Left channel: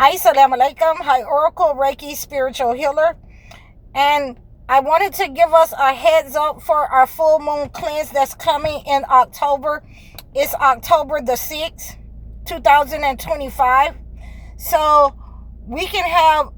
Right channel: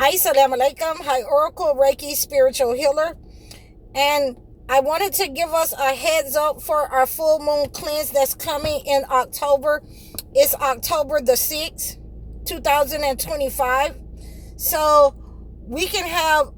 Assalamu alaikum. Hi, Oracle Reiki Spiritual Healer. And I wanted to give us a heads up for our full moon cleanse that's coming in October. It's October the 6th, 2025. So we can have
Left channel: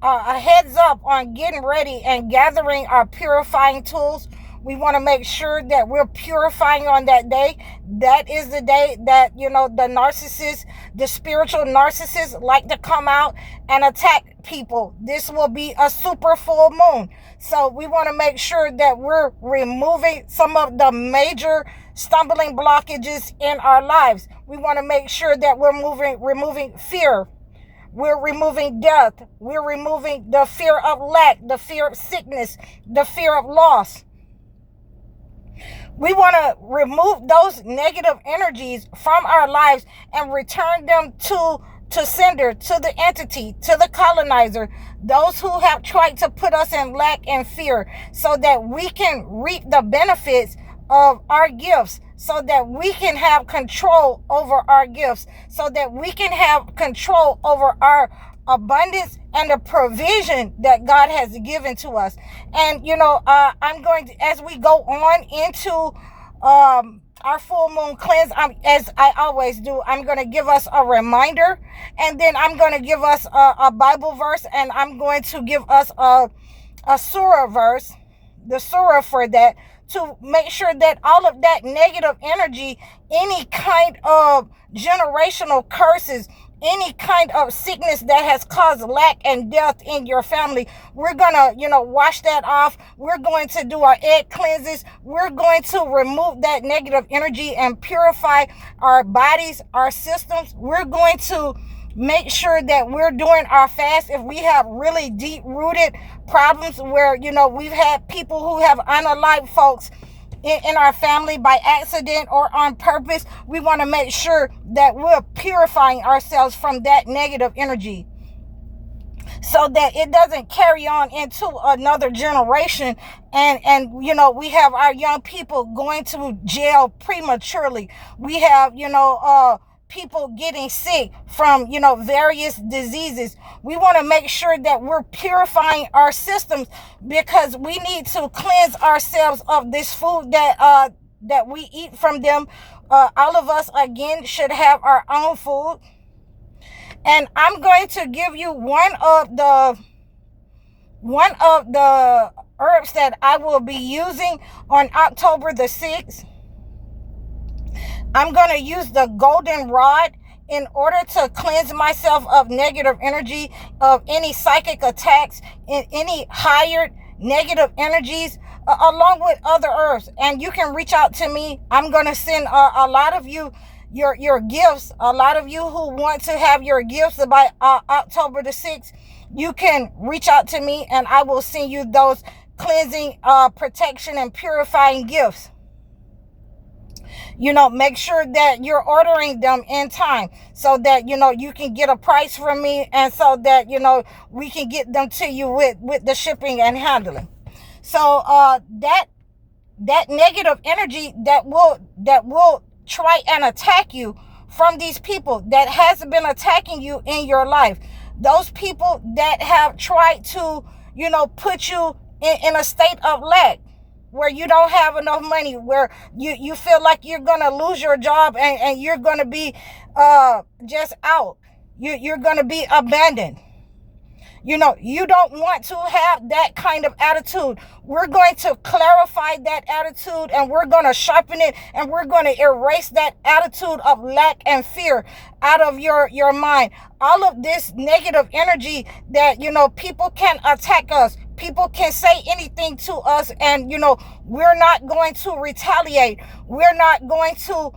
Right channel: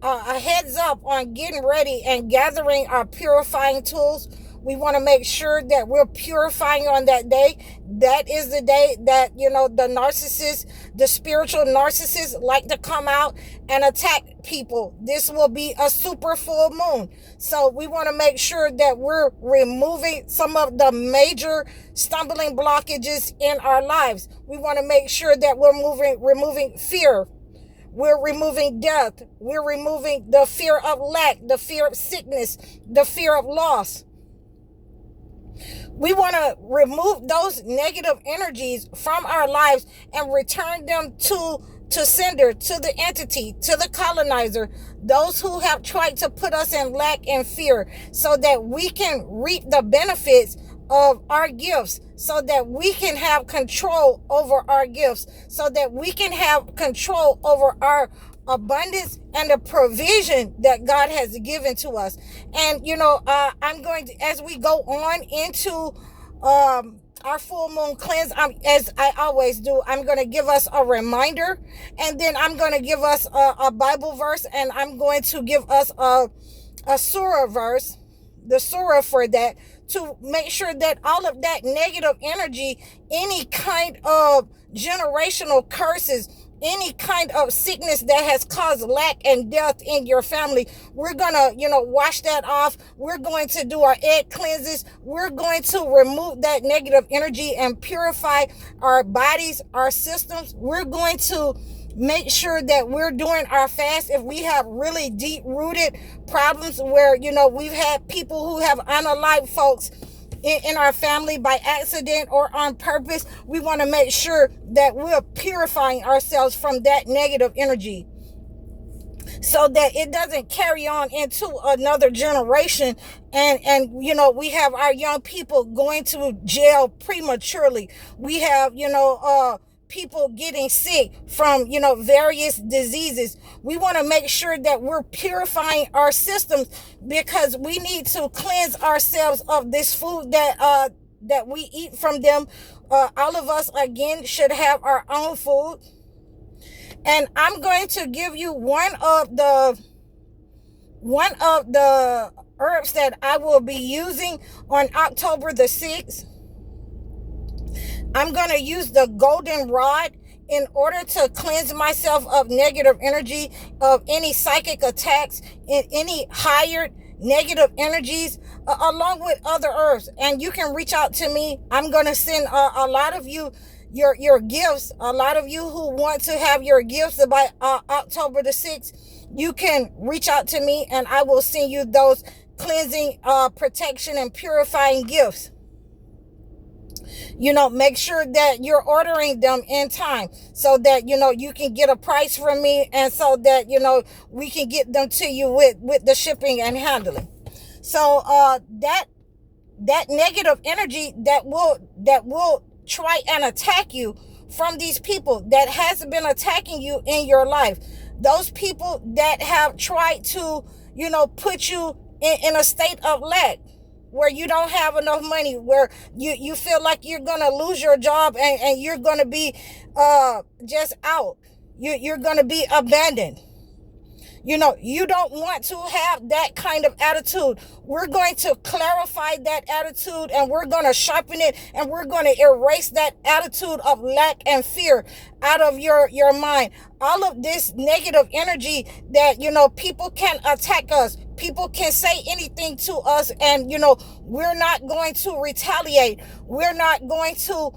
a heads up on getting ready and gathering our purifying tools. We want to make sure that we're purifying on that day. That is the day that, the narcissists, the spiritual narcissists like to come out and attack people. This will be a super full moon. So we want to make sure that we're removing some of the major stumbling blockages in our lives. We want to make sure that we're removing fear. We're removing death. We're removing the fear of lack, the fear of sickness, the fear of loss. We want to remove those negative energies from our lives and return them to sender, to the entity, to the colonizer, those who have tried to put us in lack and fear, so that we can reap the benefits of our gifts, so that we can have control over our gifts, so that we can have control over our abundance and the provision that God has given to us. And I'm going to, as we go on into our full moon cleanse, as I always do, I'm going to give us a reminder, and then I'm going to give us a Bible verse, and I'm going to give us a surah verse, the surah for that, to make sure that all of that negative energy, any kind of generational curses, any kind of sickness that has caused lack and death in your family, we're gonna, wash that off. We're going to do our egg cleanses. We're going to remove that negative energy and purify our bodies, our systems. We're going to make sure that we're doing our fast if we have really deep-rooted problems where, we've had people who have unalived folks in our family by accident or on purpose. We want to make sure that we're purifying ourselves from that negative energy, so that it doesn't carry on into another generation. And we have our young people going to jail prematurely. We have people getting sick from various diseases. We want to make sure that we're purifying our systems, because we need to cleanse ourselves of this food that we eat from them. All of us, again, should have our own food. And I'm going to give you one of the herbs that I will be using on October the 6th. I'm going to use the golden rod in order to cleanse myself of negative energy, of any psychic attacks, and any hired negative energies, along with other herbs. And you can reach out to me. I'm going to send a lot of you your gifts. A lot of you who want to have your gifts by October the 6th, you can reach out to me and I will send you those cleansing, protection, and purifying gifts. Make sure that you're ordering them in time, so that, you can get a price from me, and so that, we can get them to you with the shipping and handling. So, that negative energy that will try and attack you from these people that has been attacking you in your life, those people that have tried to, put you in a state of lack, where you don't have enough money, where you feel like you're going to lose your job and you're going to be just out. You're going to be abandoned. You don't want to have that kind of attitude. We're going to clarify that attitude, and we're going to sharpen it, and we're going to erase that attitude of lack and fear out of your mind. All of this negative energy that, people can attack us. People can say anything to us, and, we're not going to retaliate. We're not going to,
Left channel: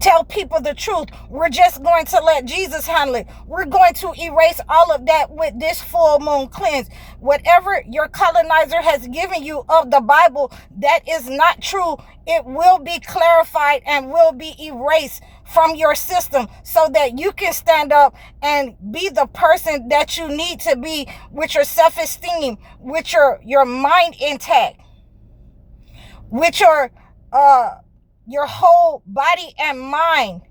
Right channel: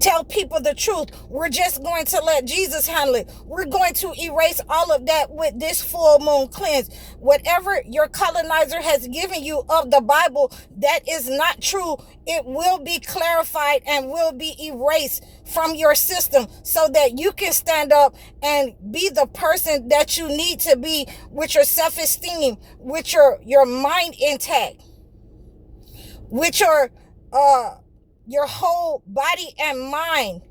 tell people the truth. We're just going to let Jesus handle it. We're going to erase all of that with this full moon cleanse. Whatever your colonizer has given you of the Bible that is not true, it will be clarified and will be erased from your system, so that you can stand up and be the person that you need to be, with your self-esteem, with your mind intact, with your whole body and mind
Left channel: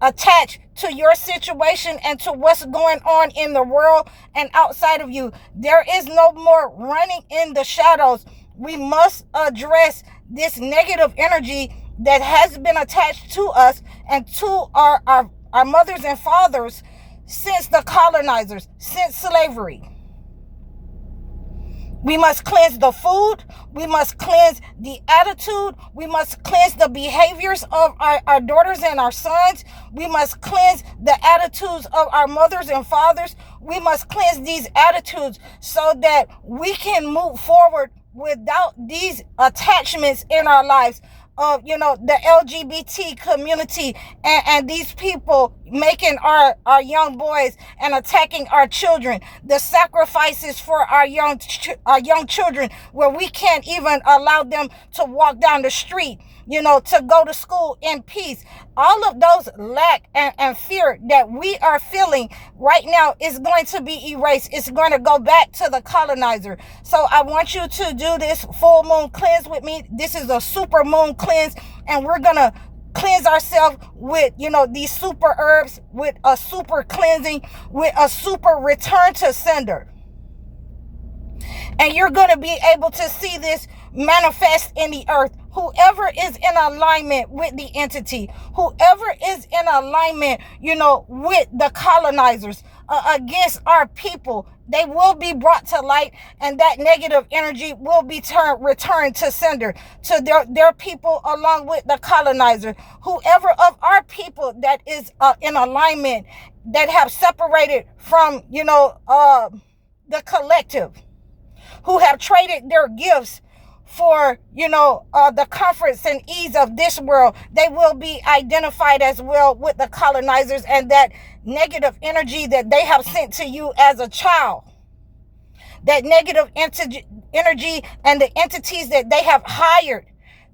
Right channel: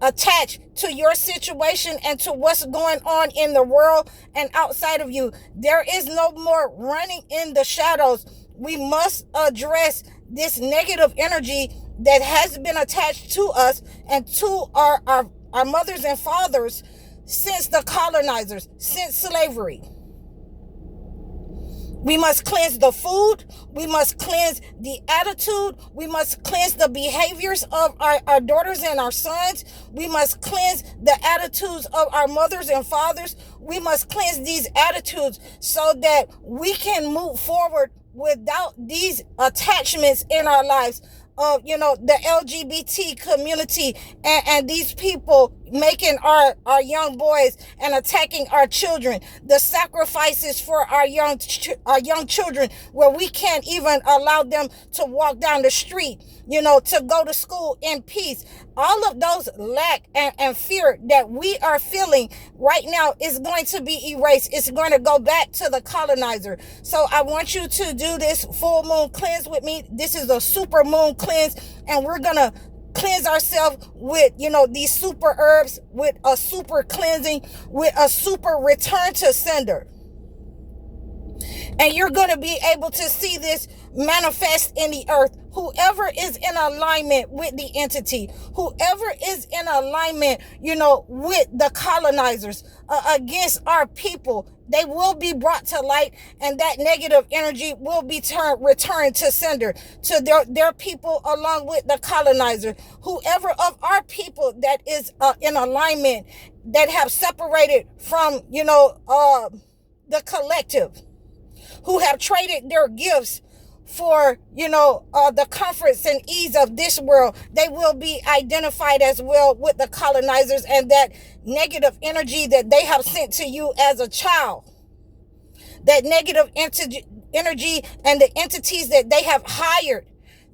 attached to your situation and to what's going on in the world and outside of you. There is no more running in the shadows. We must address this negative energy that has been attached to us and to our mothers and fathers since the colonizers, since slavery. We must cleanse the food. We must cleanse the attitude. We must cleanse the behaviors of our daughters and our sons. We must cleanse the attitudes of our mothers and fathers. We must cleanse these attitudes so that we can move forward without these attachments in our lives of, the LGBT community and these people making our young boys and attacking our children, the sacrifices for our young children, where we can't even allow them to walk down the street, to go to school in peace. All of those lack and fear that we are feeling right now is going to be erased. It's going to go back to the colonizer. So I want you to do this full moon cleanse with me. This is a super moon cleanse, and we're going to cleanse ourselves with, these super herbs, with a super cleansing, with a super return to sender. And you're going to be able to see this manifest in the earth. Whoever is in alignment with the entity, whoever is in alignment, with the colonizers against our people, they will be brought to light, and that negative energy will be returned to sender, to their people along with the colonizer. Whoever of our people that is in alignment, that have separated from, the collective, who have traded their gifts for, the comforts and ease of this world, they will be identified as well with the colonizers and that negative energy that they have sent to you as a child. That negative energy and the entities that they have hired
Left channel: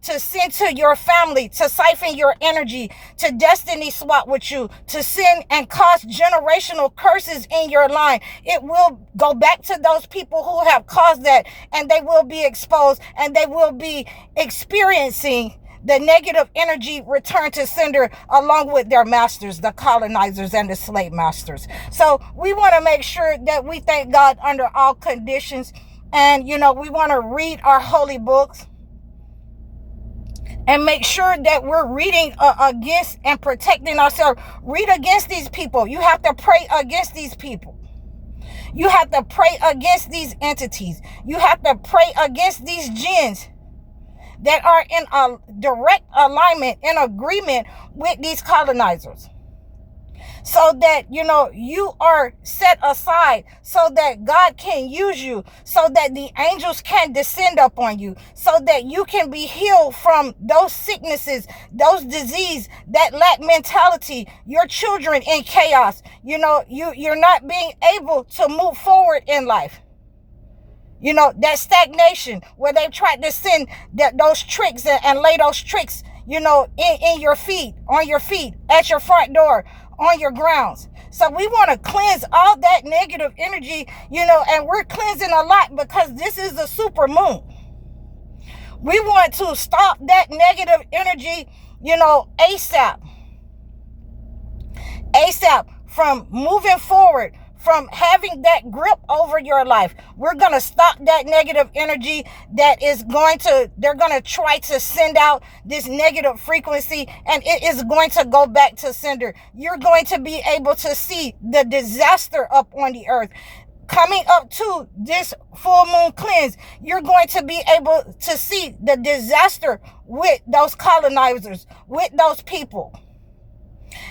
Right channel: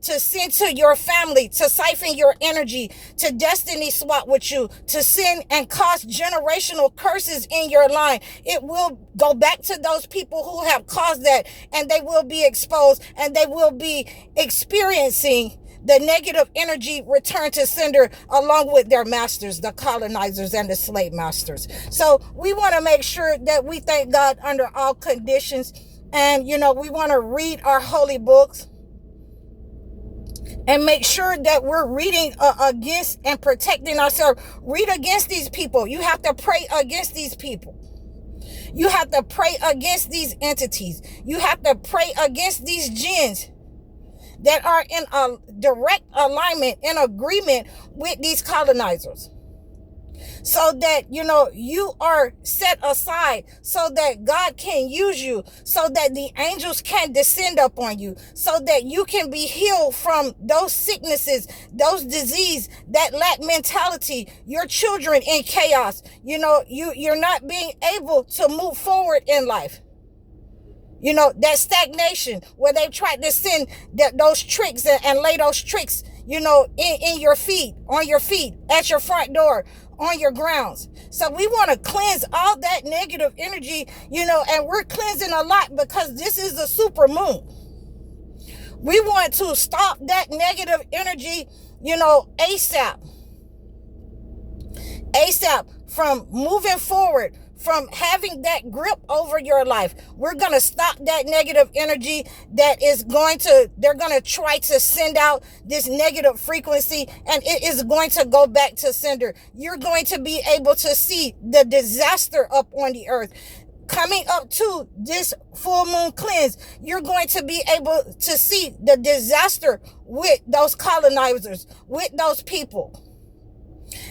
to send to your family, to siphon your energy, to destiny swap with you, to send and cause generational curses in your line. It will go back to those people who have caused that, and they will be exposed, and they will be experiencing the negative energy return to sender along with their masters, the colonizers and the slave masters. So we want to make sure that we thank God under all conditions. And, we want to read our holy books and make sure that we're reading against and protecting ourselves. Read against these people. You have to pray against these people. You have to pray against these entities. You have to pray against these jinns that are in a direct alignment, in agreement with these colonizers. So that, you are set aside, so that God can use you, so that the angels can descend upon you, so that you can be healed from those sicknesses, those disease, that lack mentality, your children in chaos. You're not being able to move forward in life. That stagnation where they've tried to send those tricks and lay those tricks, in your feet, on your feet, at your front door, on your grounds. So we want to cleanse all that negative energy, and we're cleansing a lot because this is a super moon. We want to stop that negative energy, ASAP from moving forward, from having that grip over your life. We're going to stop that negative energy that they're going to try to send out this negative frequency, and it is going to go back to sender. You're going to be able to see the disaster up on the earth. Coming up to this full moon cleanse, you're going to be able to see the disaster with those colonizers, with those people.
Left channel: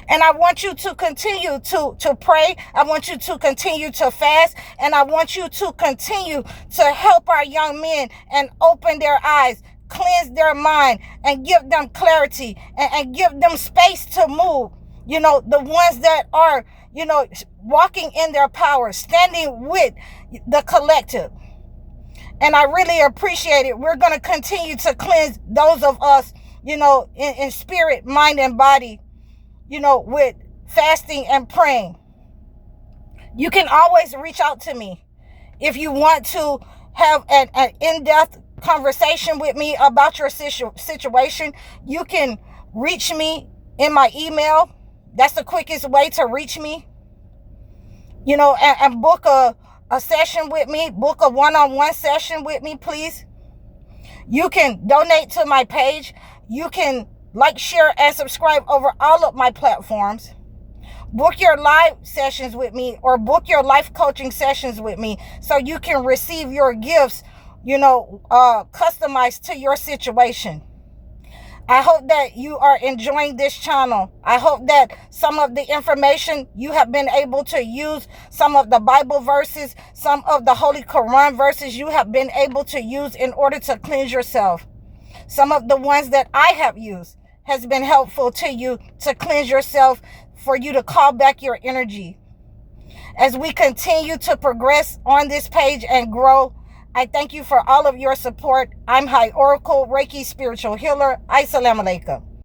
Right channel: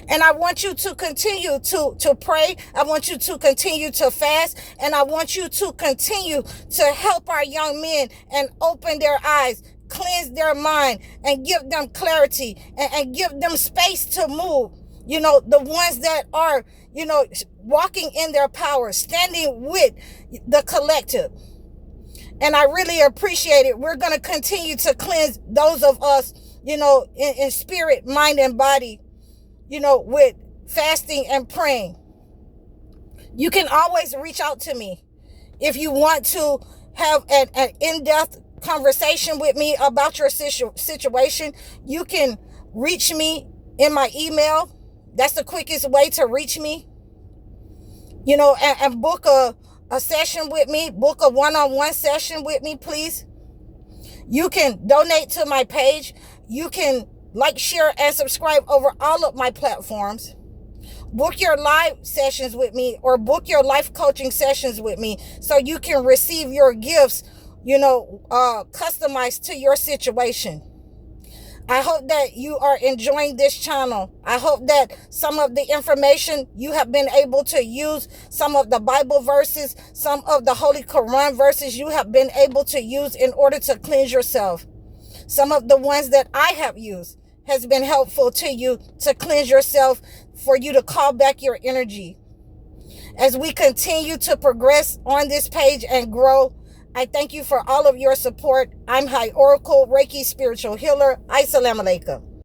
And I want you to continue to pray. I want you to continue to fast. And I want you to continue to help our young men and open their eyes, cleanse their mind, and give them clarity and give them space to move. The ones that are, walking in their power, standing with the collective. And I really appreciate it. We're going to continue to cleanse those of us, in spirit, mind, and body, with fasting and praying. You can always reach out to me if you want to have an in-depth conversation with me about your situation. You can reach me in my email. That's the quickest way to reach me. And book a session with me. Book a one-on-one session with me, please. You can donate to my page. You can like, share, and subscribe over all of my platforms. Book your live sessions with me, or book your life coaching sessions with me, so you can receive your gifts, customized to your situation. I hope that you are enjoying this channel. I hope that some of the information you have been able to use, some of the Bible verses, some of the Holy Quran verses you have been able to use in order to cleanse yourself. Some of the ones that I have used has been helpful to you to cleanse yourself, for you to call back your energy. As we continue to progress on this page and grow, I thank you for all of your support. I'm High Oracle, Reiki Spiritual Healer. Assalamu alaikum.